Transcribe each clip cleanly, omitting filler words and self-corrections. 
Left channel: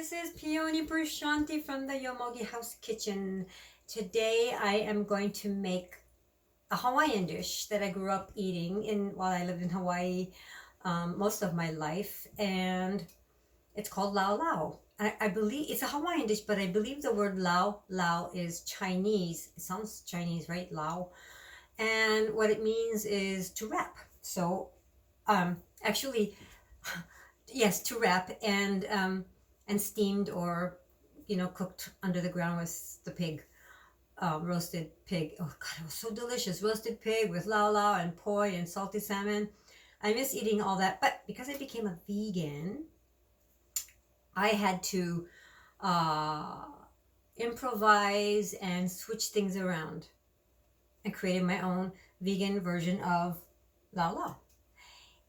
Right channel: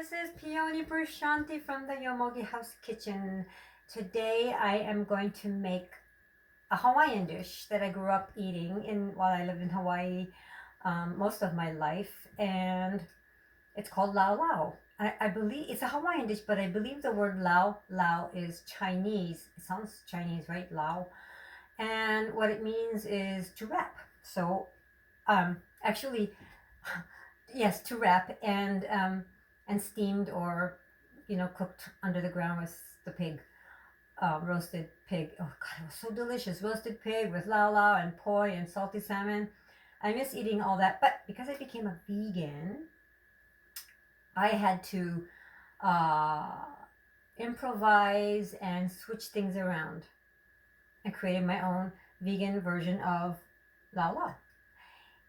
this is Peony Prashanti from the Yomogi House Kitchen. Today I am going to make a Hawaiian dish that I grew up eating while I lived in Hawaii most of my life, and it's called LauLau. I believe it's a Hawaiian dish, but I believe the word LauLau is Chinese. It sounds Chinese, right? Lao. And what it means is to wrap. So actually, yes, to wrap and steamed or cooked under the ground with the pig, roasted pig. Oh God, it was so delicious. Roasted pig with LauLau and poi and salty salmon. I miss eating all that, but because I became a vegan, I had to improvise and switch things around. I created my own vegan version of LauLau,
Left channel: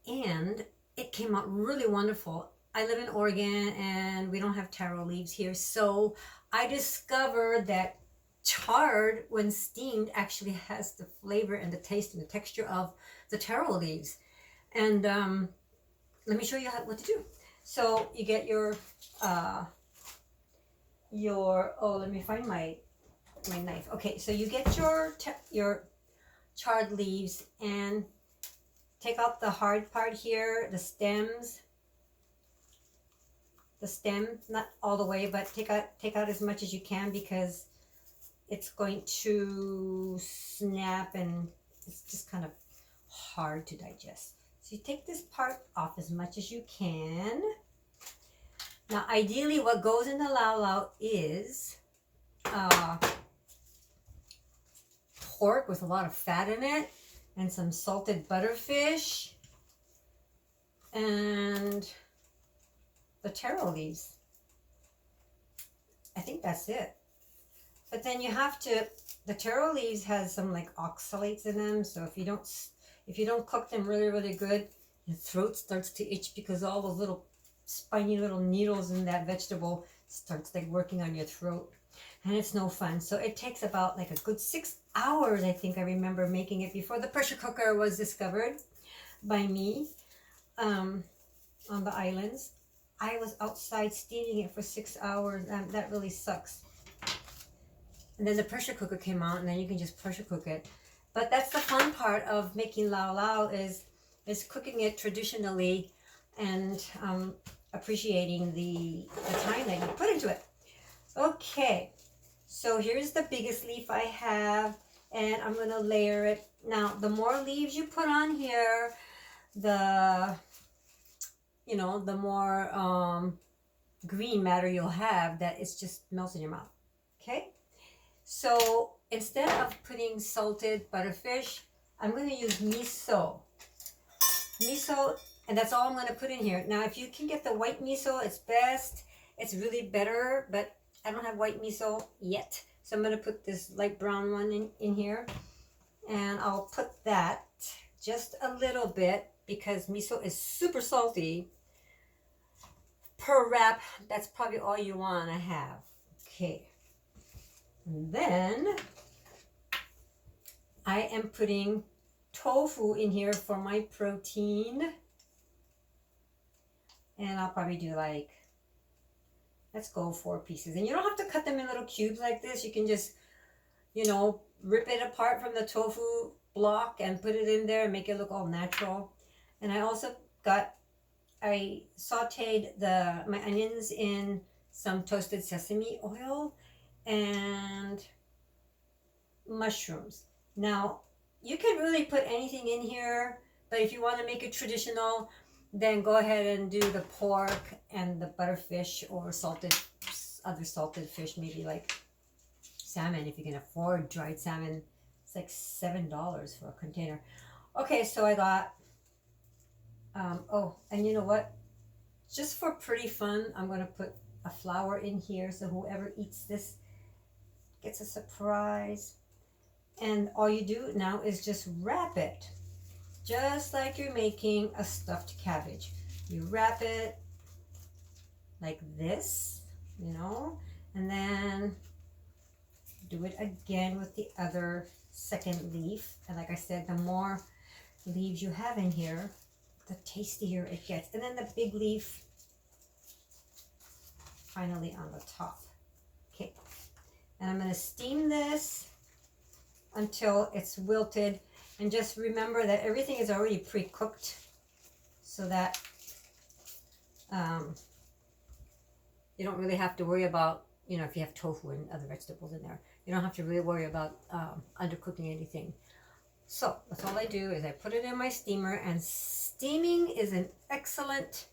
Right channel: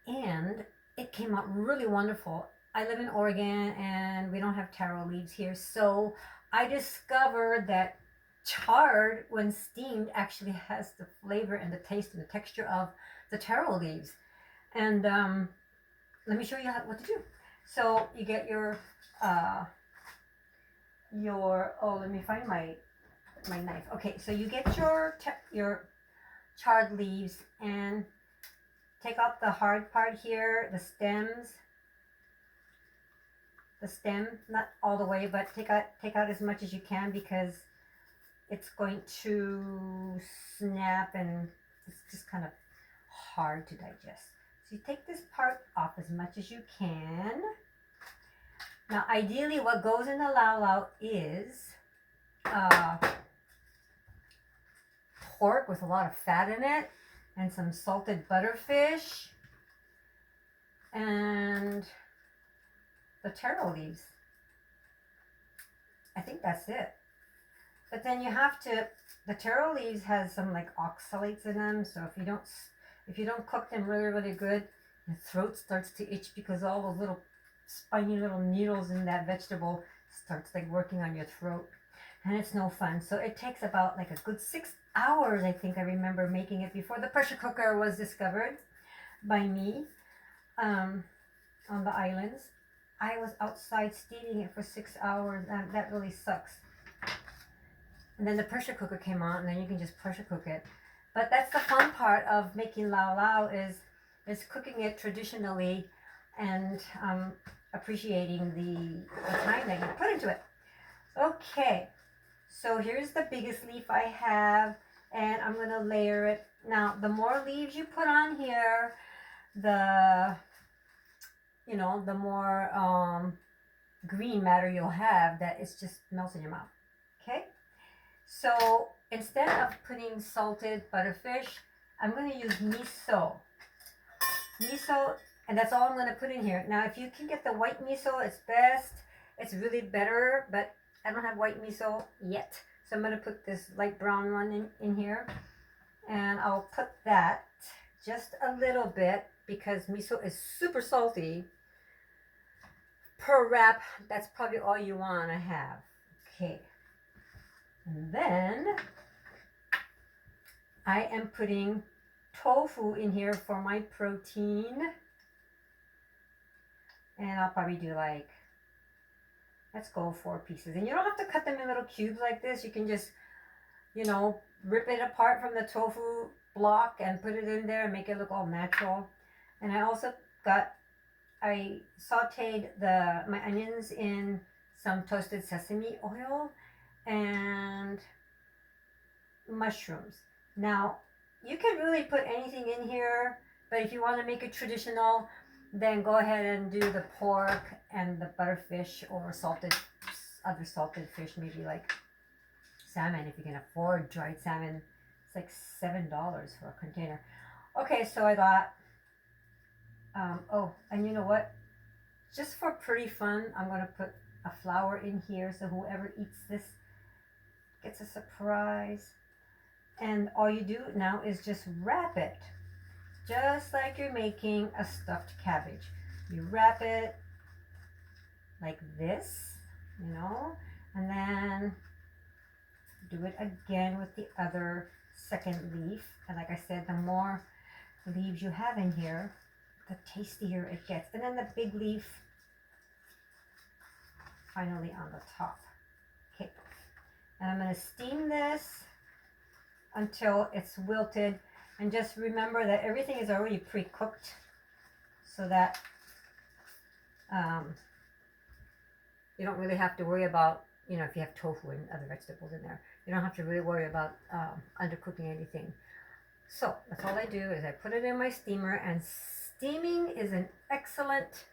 and it came out really wonderful. I live in Oregon and we don't have taro leaves here, so I discovered that chard, when steamed, actually has the flavor and the taste and the texture of the taro leaves. And let me show you what to do. So you get your let me find my knife. Okay, so you get your chard leaves and take out the hard part here, the stems. The stem, not all the way, but take out as much as you can, because it's going to snap and it's just kind of hard to digest. So you take this part off as much as you can. Now, ideally, what goes in the LauLau is pork with a lot of fat in it, and some salted butterfish, and the taro leaves. I think that's it. But then you have to, the taro leaves has some like oxalates in them, so if you don't cook them really good, your throat starts to itch, because all those little spiny little needles in that vegetable starts like working on your throat, and it's no fun. So it takes about like a good 6 hours, I think I remember making it, before the pressure cooker was discovered by me on the islands. I was outside steaming it for 6 hours, and that really sucks. And then the pressure cooker came out, and then you can just pressure cook it. But that's the fun part of making LauLau, is cooking it traditionally and appreciating the time that you put into it. Okay, so here's the biggest leaf I have, and I'm gonna layer it. Now, the more leaves you put on here, the more green matter you'll have, that it's just melts in your mouth. Okay, so instead of putting salted butterfish, I'm going to use miso, and that's all I'm going to put in here. Now, if you can get the white miso, it's best. It's really better, but I don't have white miso yet, so I'm going to put this light brown one in here, and I'll put that just a little bit, because miso is super salty. Per wrap, that's probably all you want to have. Okay, and then I am putting tofu in here for my protein, and I'll probably do like, let's go 4 pieces. And you don't have to cut them in little cubes like this. You can just rip it apart from the tofu block and put it in there and make it look all natural. And I also I sauteed my onions in some toasted sesame oil and mushrooms. Now, you can really put anything in here, but if you want to make it traditional, then go ahead and do the pork and the butterfish over other salted fish, maybe like salmon, if you can afford dried salmon. It's like $7 for a container. Okay, so I got and you know what? Just for pretty fun, I'm going to put a flower in here, so whoever eats this gets a surprise. And all you do now is just wrap it, just like you're making a stuffed cabbage. You wrap it like this, and then do it again with the other second leaf. And like I said, the more leaves you have in here, the tastier it gets. And then the big leaf, finally on the top. Okay, and I'm going to steam this until it's wilted. And just remember that everything is already pre-cooked so that you don't really have to worry about, you know, if you have tofu and other vegetables in there, you don't have to really worry about undercooking anything. So that's all I do is I put it in my steamer, and steaming is an excellent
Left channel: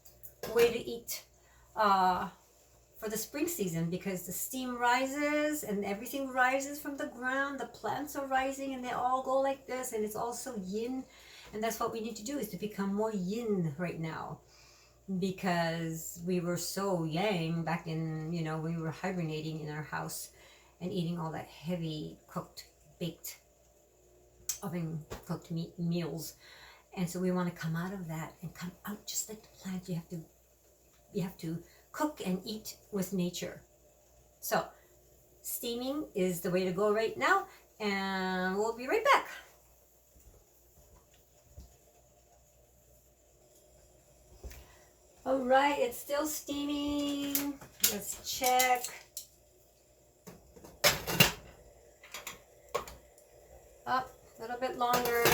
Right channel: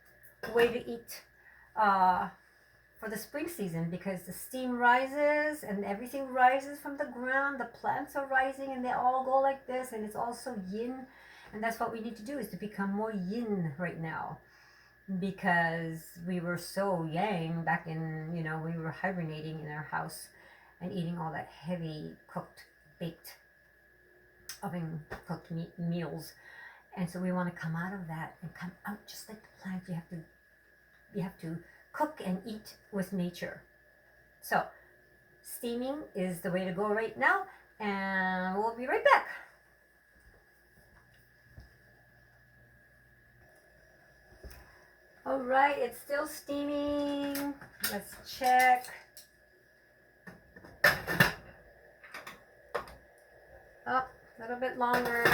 way to eat for the spring season, because the steam rises and everything rises from the ground. The plants are rising and they all go like this, and it's also yin. And that's what we need to do, is to become more yin right now, because we were so yang back in, you know, we were hibernating in our house and eating all that heavy cooked, baked, oven cooked meals. And so we want to come out of that and come out just like the plants. You have to cook and eat with nature. So steaming is the way to go right now, and we'll be right back. All right, it's still steaming. Let's check. Oh, a little bit longer.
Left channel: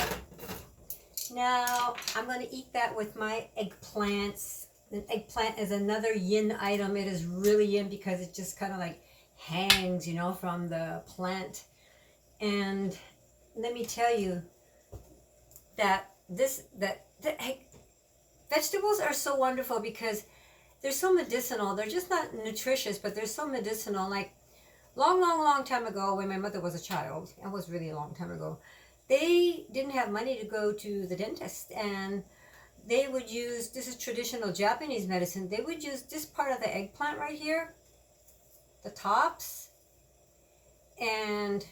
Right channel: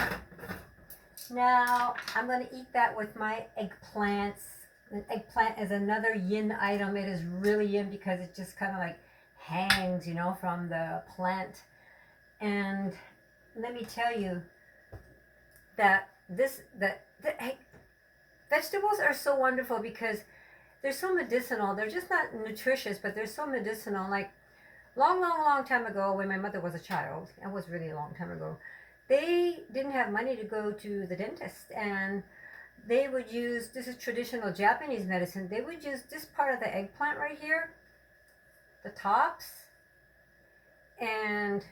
Now I'm going to eat that with my eggplants. An eggplant is another yin item. It is really yin because it just kind of like hangs, you know, from the plant. And let me tell you that vegetables are so wonderful because they're so medicinal. They're just not nutritious, but they're so medicinal. Like long time ago, when my mother was a child, it was really a long time ago, they didn't have money to go to the dentist, and they would use, this is traditional Japanese medicine, they would use this part of the eggplant right here, the tops, and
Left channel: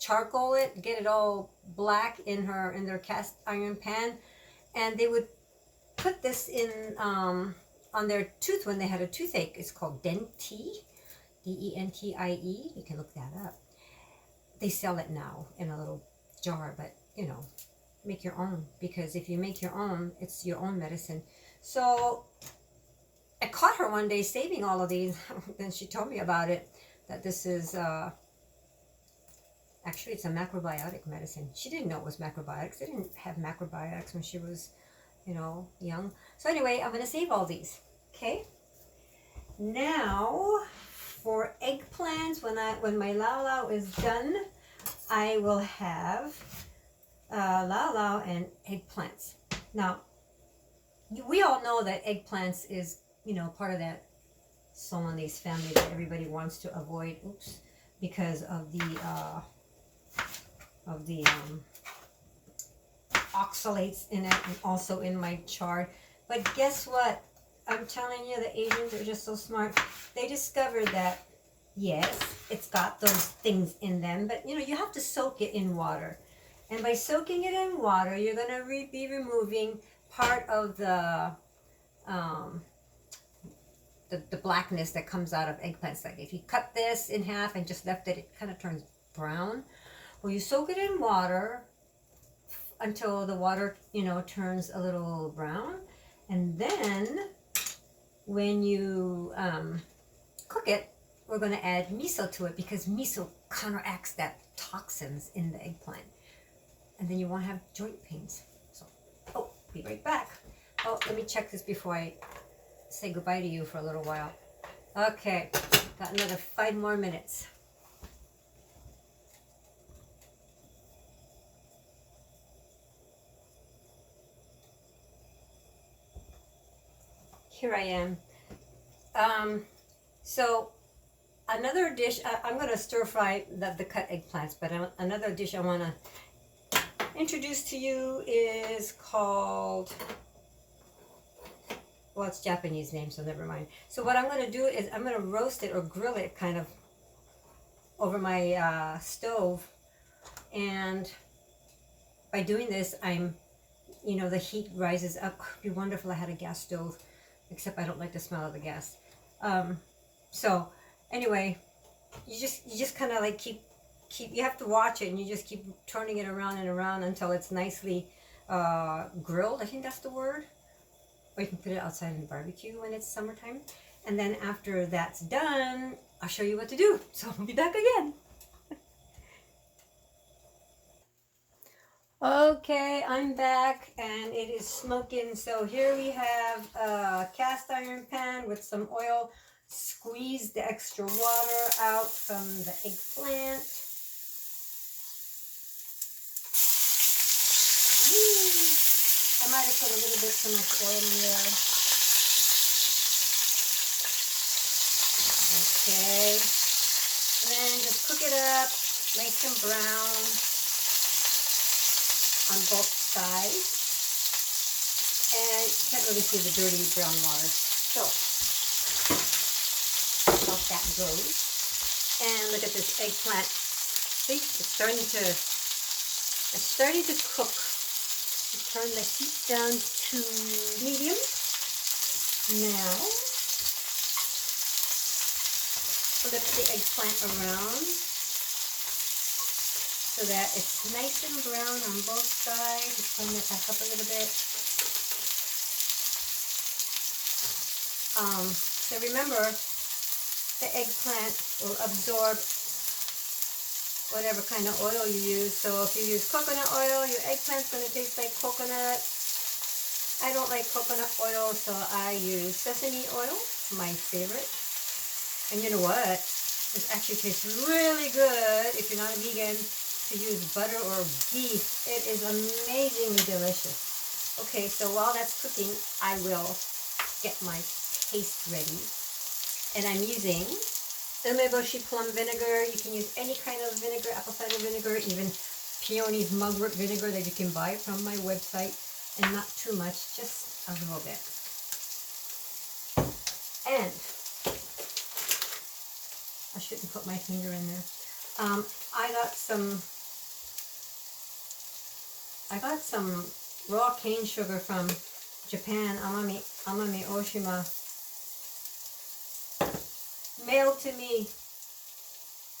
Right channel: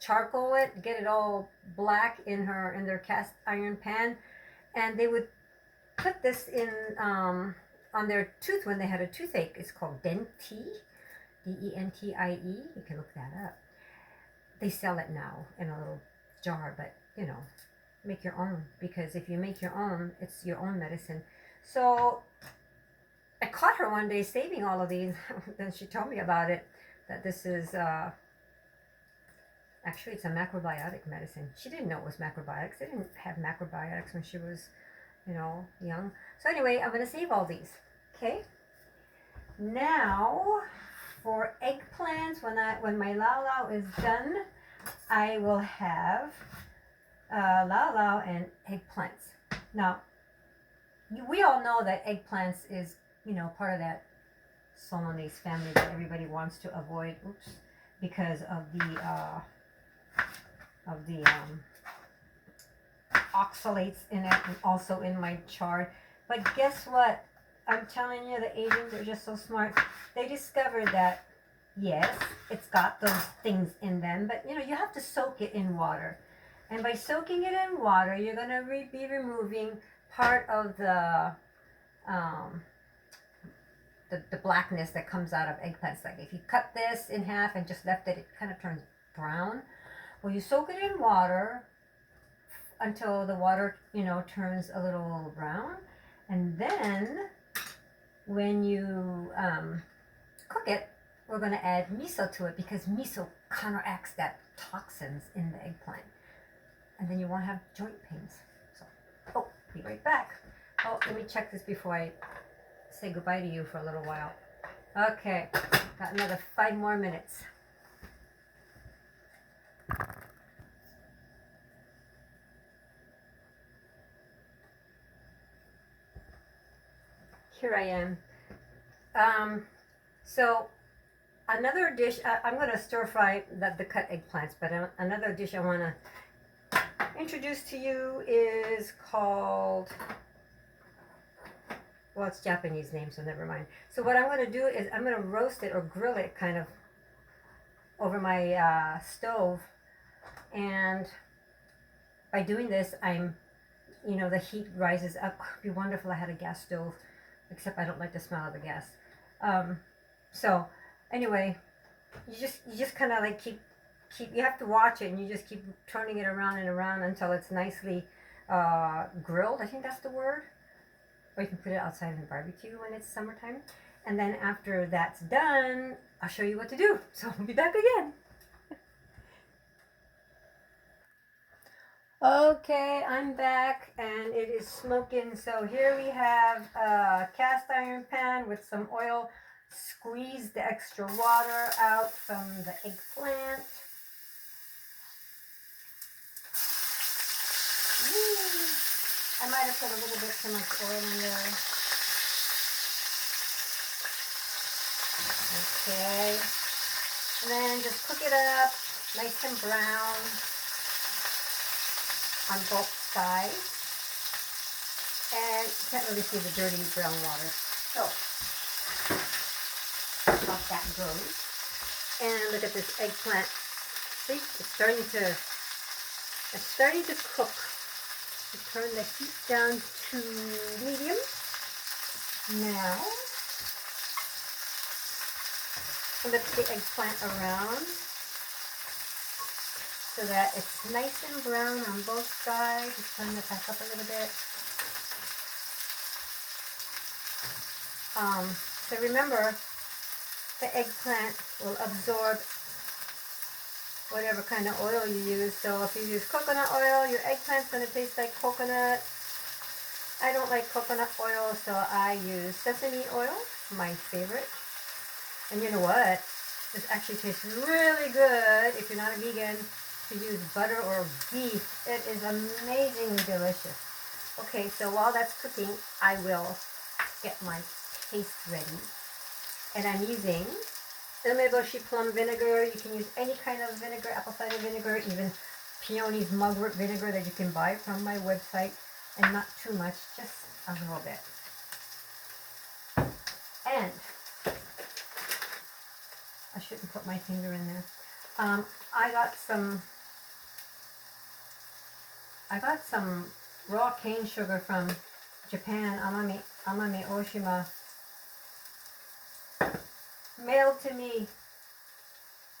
charcoal it, get it all black in their cast iron pan, and they would put this in on their tooth when they had a toothache. It's called Dentie, D-E-N-T-I-E. You can look that up. They sell it now in a little jar, but you know, make your own, because if you make your own, it's your own medicine. So I caught her one day saving all of these. Then she told me about it, that this is actually it's a macrobiotic medicine. She didn't know it was macrobiotics. They didn't have macrobiotics when she was, you know, young. So anyway, I'm going to save all these. Okay. Now for eggplants, when my LauLau is done, I will have LauLau and eggplants. Now, we all know that eggplants is, you know, part of that Solanese family that everybody wants to avoid. Oops, because of the oxalates in it, and also in my chard. But guess what? I'm telling you, the Asians are just so smart. They discovered that, yes, it's got those things in them, but you know, you have to soak it in water. And by soaking it in water, you're going to be removing part of the blackness that comes out of eggplants. Like if you cut this in half and just left it, it kind of turns brown. Well, you soak it in water until the water, you know, turns a little brown. And then when you cook it, we're going to add miso to it, because miso counteracts that toxins in the eggplant. And then you won't have joint pains. So, oh, be right back. Oh, let me check this before I say goodbye to you for a little while. Okay, got another 5 more minutes. Here I am. So another dish, I'm going to stir fry the cut eggplants, but another dish I want to introduce to you is called, well, it's Japanese name, so never mind. So what I'm going to do is I'm going to roast it or grill it kind of over my stove. And by doing this, you know, the heat rises up. It'd be wonderful I had a gas stove, except I don't like the smell of the gas. So anyway, you just kind of like keep, you have to watch it, and you just keep turning it around and around until it's nicely grilled. I think that's the word. or you can put it outside in the barbecue when it's summertime. And then after that's done, I'll show you what to do. So I'll be back again. Okay, I'm back and it is smoking. So here we have a cast iron pan with some oil. Squeeze the extra water out from the eggplant. I might have put a little bit too much oil in there. Okay. And then just cook it up nice and brown on both sides. And you can't really see the dirty brown water. So, that's how that goes. And look at this eggplant. See, it's starting to cook. Turn the heat down to medium. Now, flip the eggplant around so that it's nice and brown on both sides. Just turn it back up a little bit. So remember, the eggplant will absorb whatever kind of oil you use. So if you use coconut oil, your eggplant's going to taste like coconut. I don't like coconut oil, so I use sesame oil, my favorite. And you know what? This actually tastes really good if you're not a vegan to use butter or beef. It is amazingly delicious. Okay, so while that's cooking, I will get my paste ready. And I'm using umeboshi plum vinegar. You can use any kind of vinegar, apple cider vinegar, even peony's mugwort vinegar that you can buy from my website, and not too much, just a little bit. And I shouldn't put my finger in there. I got some raw cane sugar from Japan, Amami Oshima, mailed to me.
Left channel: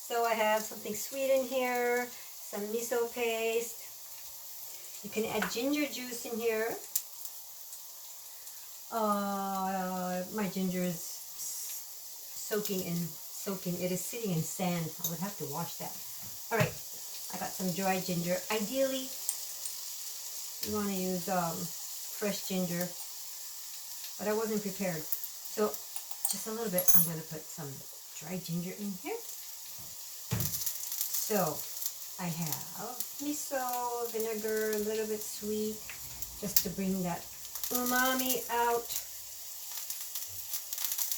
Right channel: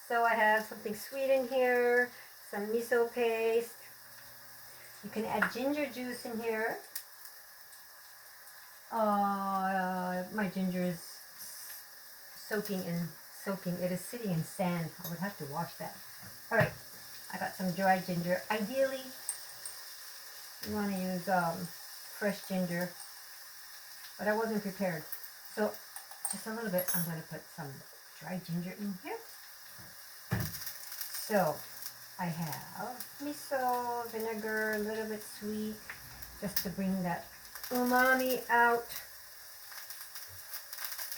So I have something sweet in here, some miso paste. You can add ginger juice in here. My ginger is soaking. It is sitting in sand. I would have to wash that. All right, I got some dry ginger. Ideally, you want to use fresh ginger, but I wasn't prepared. So just a little bit, I'm going to put some dry ginger in here. So I have miso, vinegar, a little bit sweet, just to bring that umami out.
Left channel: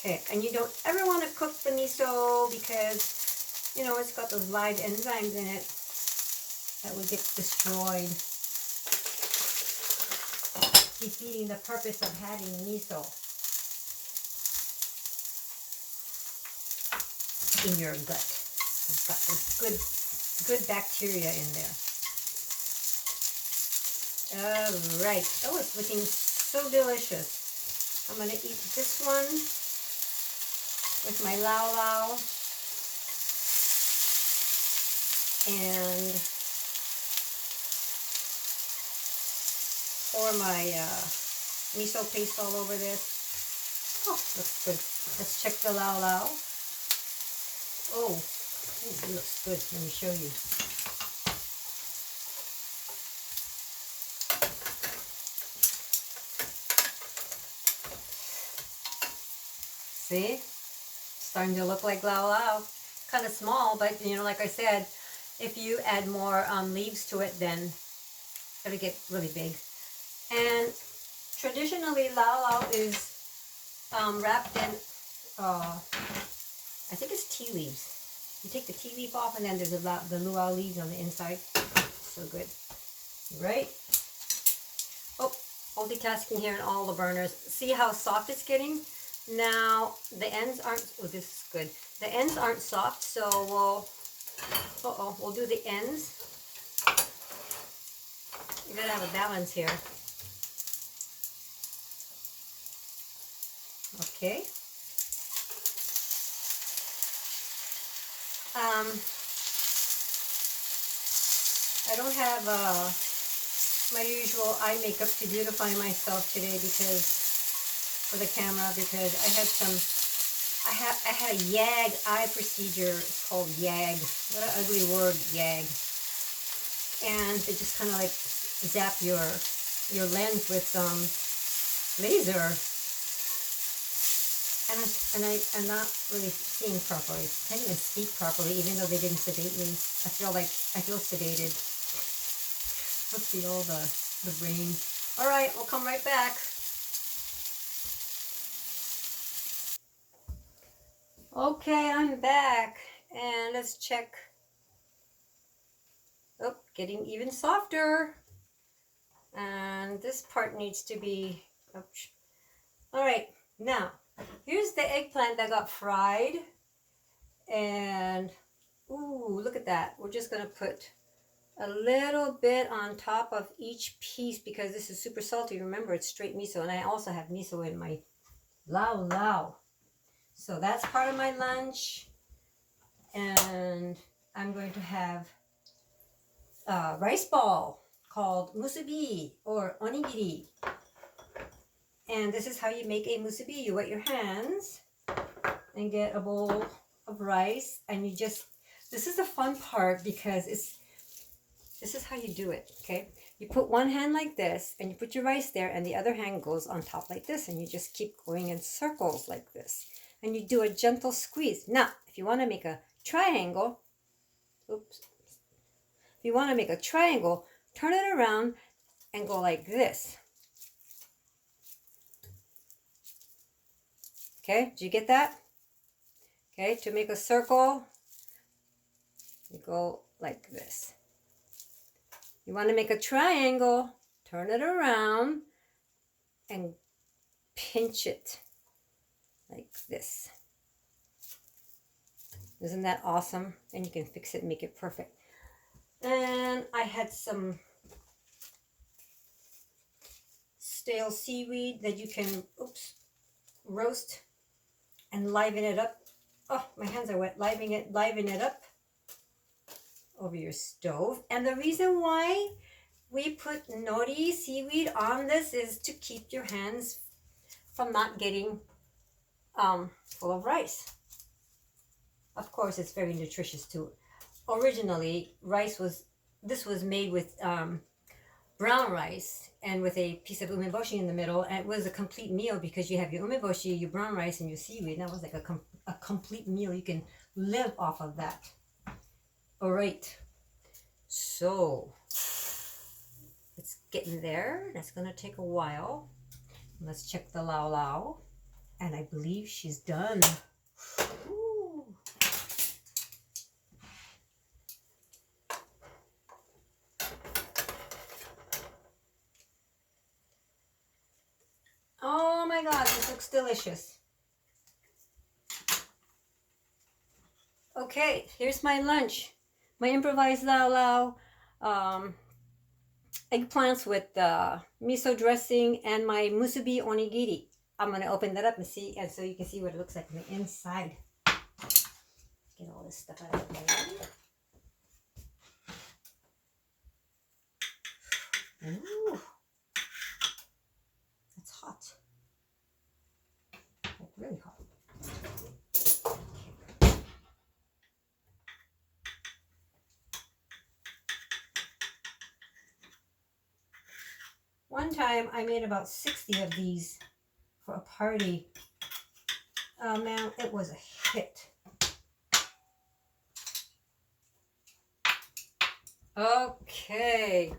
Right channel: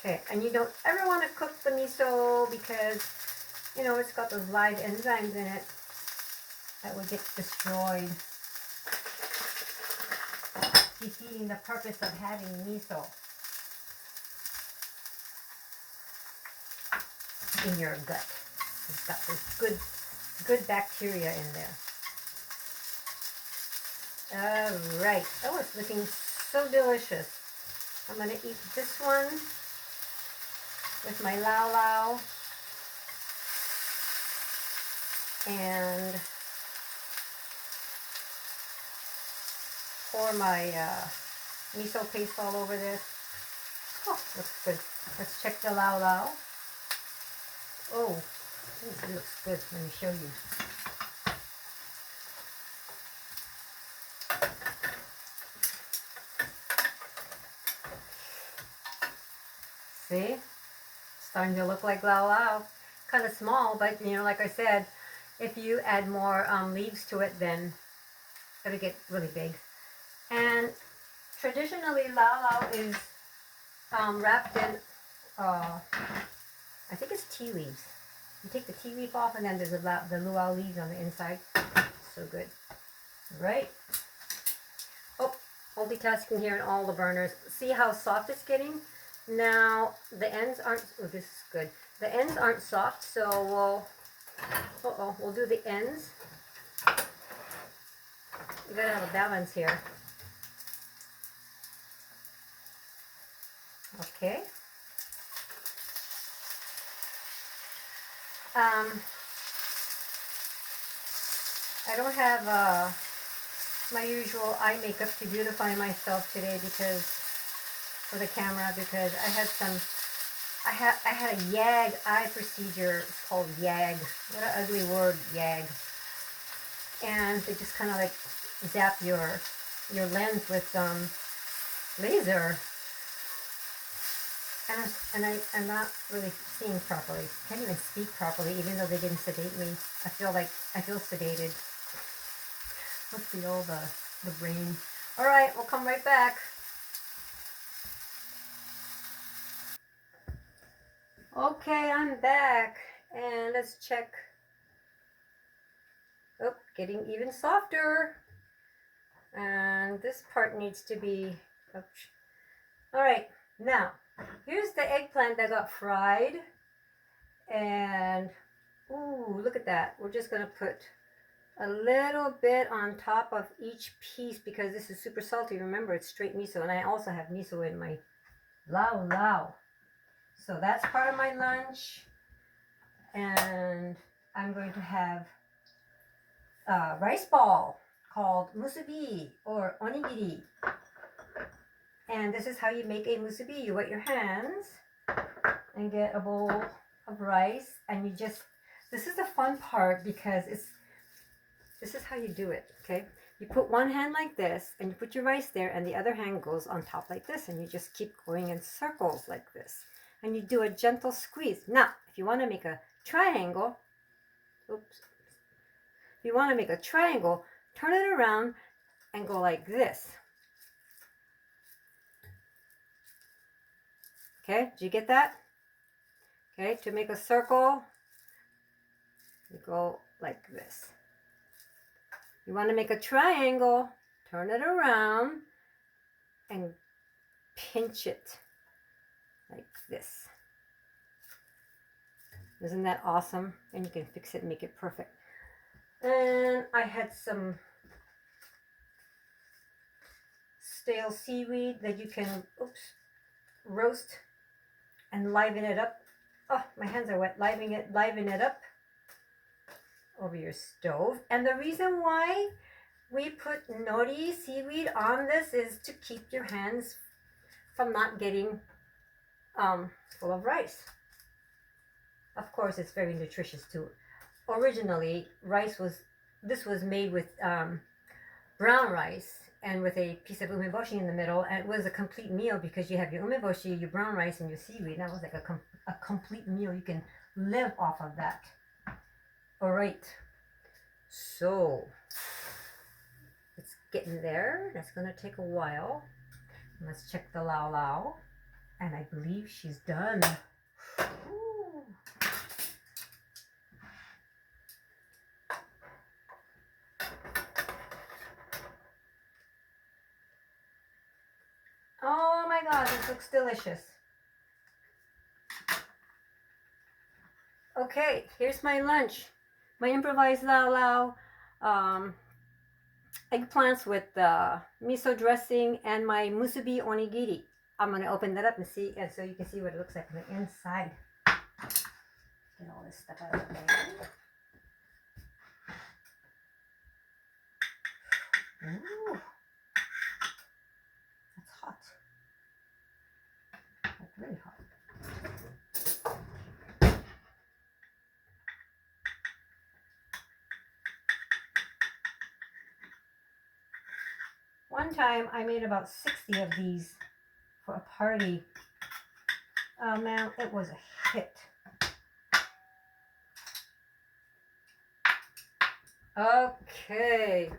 Okay, and you don't ever want to cook the miso because, you know, it's got those live enzymes in it that will get destroyed, defeating the purpose of having miso in your gut. It's got this good bacteria in there. All right. Oh, it's looking so delicious. I'm going to eat this one with my LauLau and pour my miso paste all over this. Oh, looks good. Let's check the LauLau. Oh, it looks good. Let me show you. See? Starting to look like LauLau. Kind of small, but you know, like I said, if you add more leaves to it, then it'll get really big. And traditionally, LauLau is wrapped in, I think it's tea leaves. You take the tea leaf off, and then there's the luau leaves on the inside. So good. Right? Oh, multitasking here in all the burners. See how soft it's getting? Now, the ends aren't, oh, this is good. The ends aren't soft, so we'll do the ends. You gotta have a balance here. Okay. I don't have my usual eye makeup to beautify myself today because for the camera because I had a YAG eye procedure. It's called YAG. What an ugly word, YAG. And they just kind of like zap your lens with laser. And I'm not really seeing properly. Can't even speak properly, even though they didn't sedate me. I feel sedated. Let's see all the brain. All right, we'll come right back. Okay, I'm back, and let's check. Oh, getting even softer. And this part needs to be. Oops. All right, now here's the eggplant that got fried, and ooh, look at that. We're just gonna put a little bit on top of each piece because this is super salty. Remember, it's straight miso, and I also have miso in my LauLau. So that's part of my lunch, and I'm going to have a rice ball called musubi or onigiri. And this is how you make a musubi. You wet your hands and get a bowl of rice, and you just, this is the fun part because this is how you do it, okay? You put one hand like this, and you put your rice there, and the other hand goes on top like this, and you just keep going in circles like this. And you do a gentle squeeze. Now, if you want to make a triangle, oops. If you want to make a triangle, turn it around and go like this. Okay, did you get that? Okay, to make a circle, you go like this. You want to make a triangle, turn it around and pinch it like this. Isn't that awesome? And you can fix it and make it perfect. And I had some stale seaweed that you can, roast and liven it up. Oh, my hands are wet. Liven it up over your stove. And the reason why we put nori seaweed on this is to keep your hands from not getting full of rice. Of course, it's very nutritious too. Originally, this was made with brown rice and with a piece of umeboshi in the middle, and it was a complete meal because you have your umeboshi, your brown rice, and your seaweed. That was like a complete meal. You can live off of that. All right, so it's getting there. That's gonna take a while. Let's check the LauLau, and I believe she's done. Ooh. Oh my God, this looks delicious. Okay, here's my lunch. My improvised LauLau, eggplants with miso dressing, and my musubi onigiri. I'm going to open that up and see, and so you can see what it looks like on the inside. Get all this stuff out of the way. Ooh, that's hot. Like really hot. One time I made about 60 of these for a party. Oh man, it was a hit. Okay.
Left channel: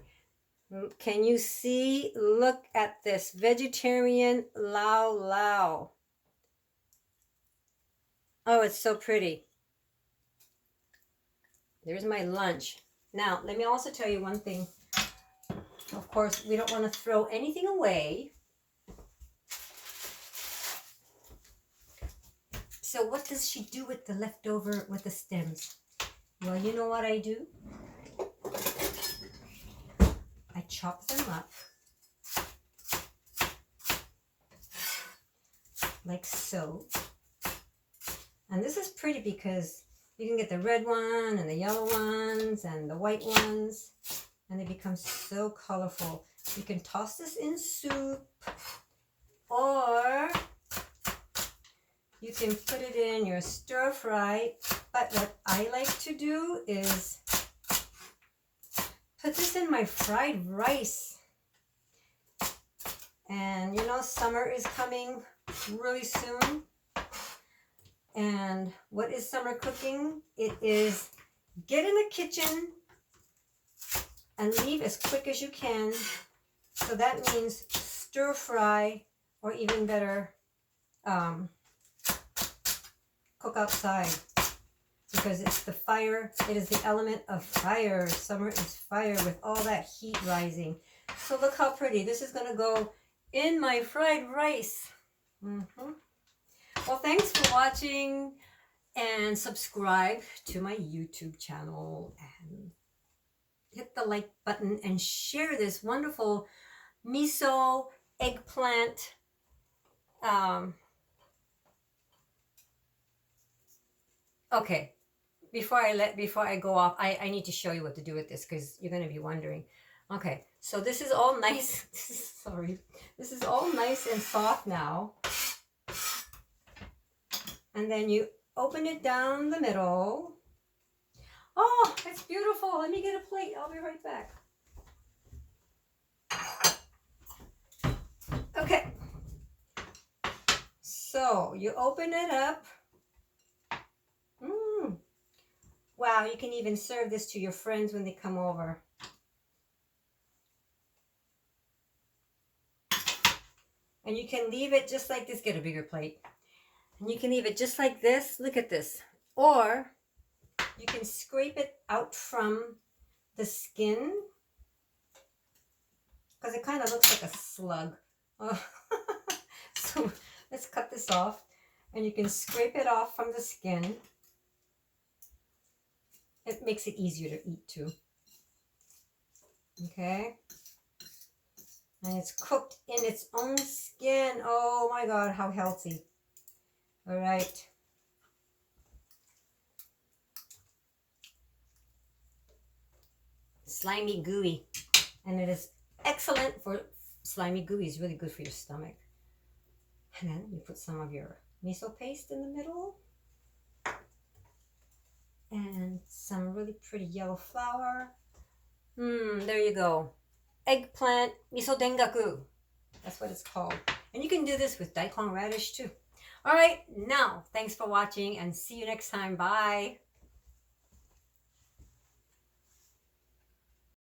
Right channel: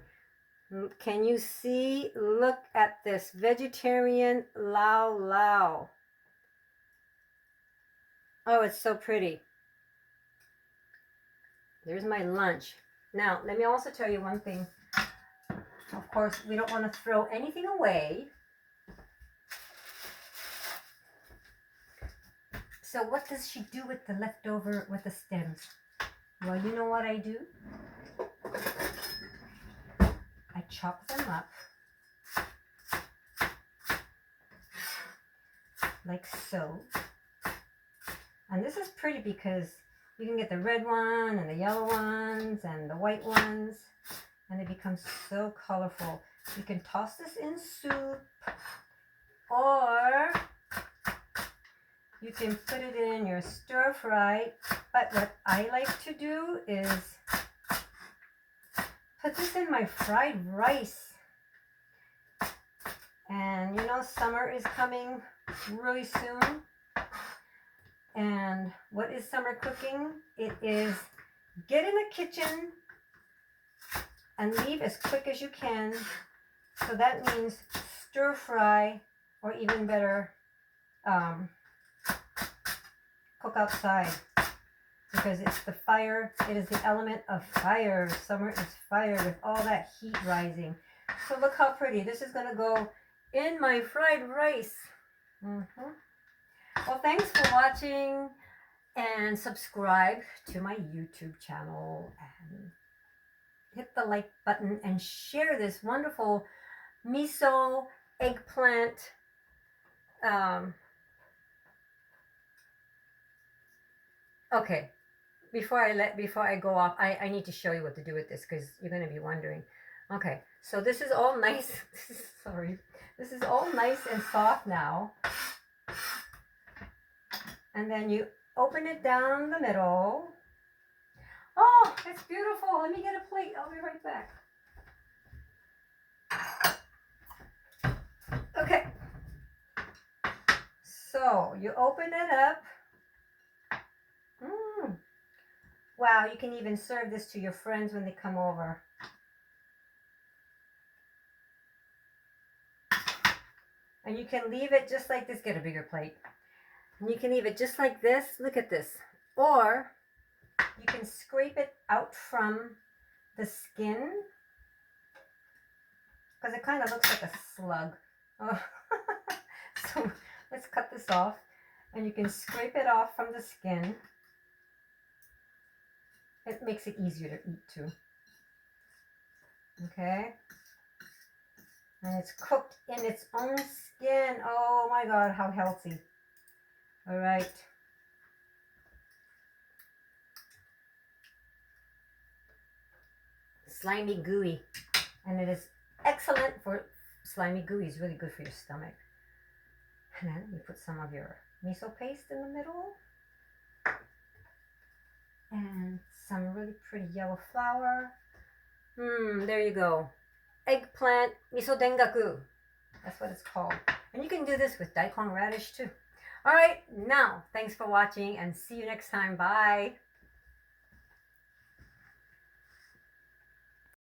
Can you see? Look at this vegetarian LauLau. Oh, it's so pretty. There's my lunch. Now, let me also tell you one thing. Of course, we don't want to throw anything away. So what does she do with the leftover, with the stems? Well, you know what I do? I chop them up like so. And this is pretty because you can get the red one and the yellow ones and the white ones, and they become so colorful. You can toss this in soup, or can put it in your stir fry. But what I like to do is put this in my fried rice. And you know, summer is coming really soon. And what is summer cooking? It is get in the kitchen and leave as quick as you can. So that means stir fry, or even better, cook outside, because it's the fire. It is the element of fire. Summer is fire with all that heat rising. So look how pretty. This is going to go in my fried rice. Well, thanks for watching, and subscribe to my YouTube channel, and hit the like button, and share this wonderful miso eggplant okay, before I go off, I need to show you what to do with this, because you're going to be wondering. Okay, so this is all nice. Sorry, this is all nice and soft now. And then you open it down the middle. Oh, it's beautiful. Let me get a plate. I'll be right back. Okay. So you open it up. Wow, you can even serve this to your friends when they come over. And you can leave it just like this. Get a bigger plate. And you can leave it just like this. Look at this. Or you can scrape it out from the skin, because it kind of looks like a slug. Oh. So let's cut this off. And you can scrape it off from the skin. It makes it easier to eat too. Okay. And it's cooked in its own skin. Oh my God, how healthy. All right. Slimy gooey. And it is excellent for slimy gooey. It's really good for your stomach. And then you put some of your miso paste in the middle. And some really pretty yellow flour. There you go. Eggplant miso dengaku. That's what it's called. And you can do this with daikon radish too. All right, now, thanks for watching, and see you next time. Bye.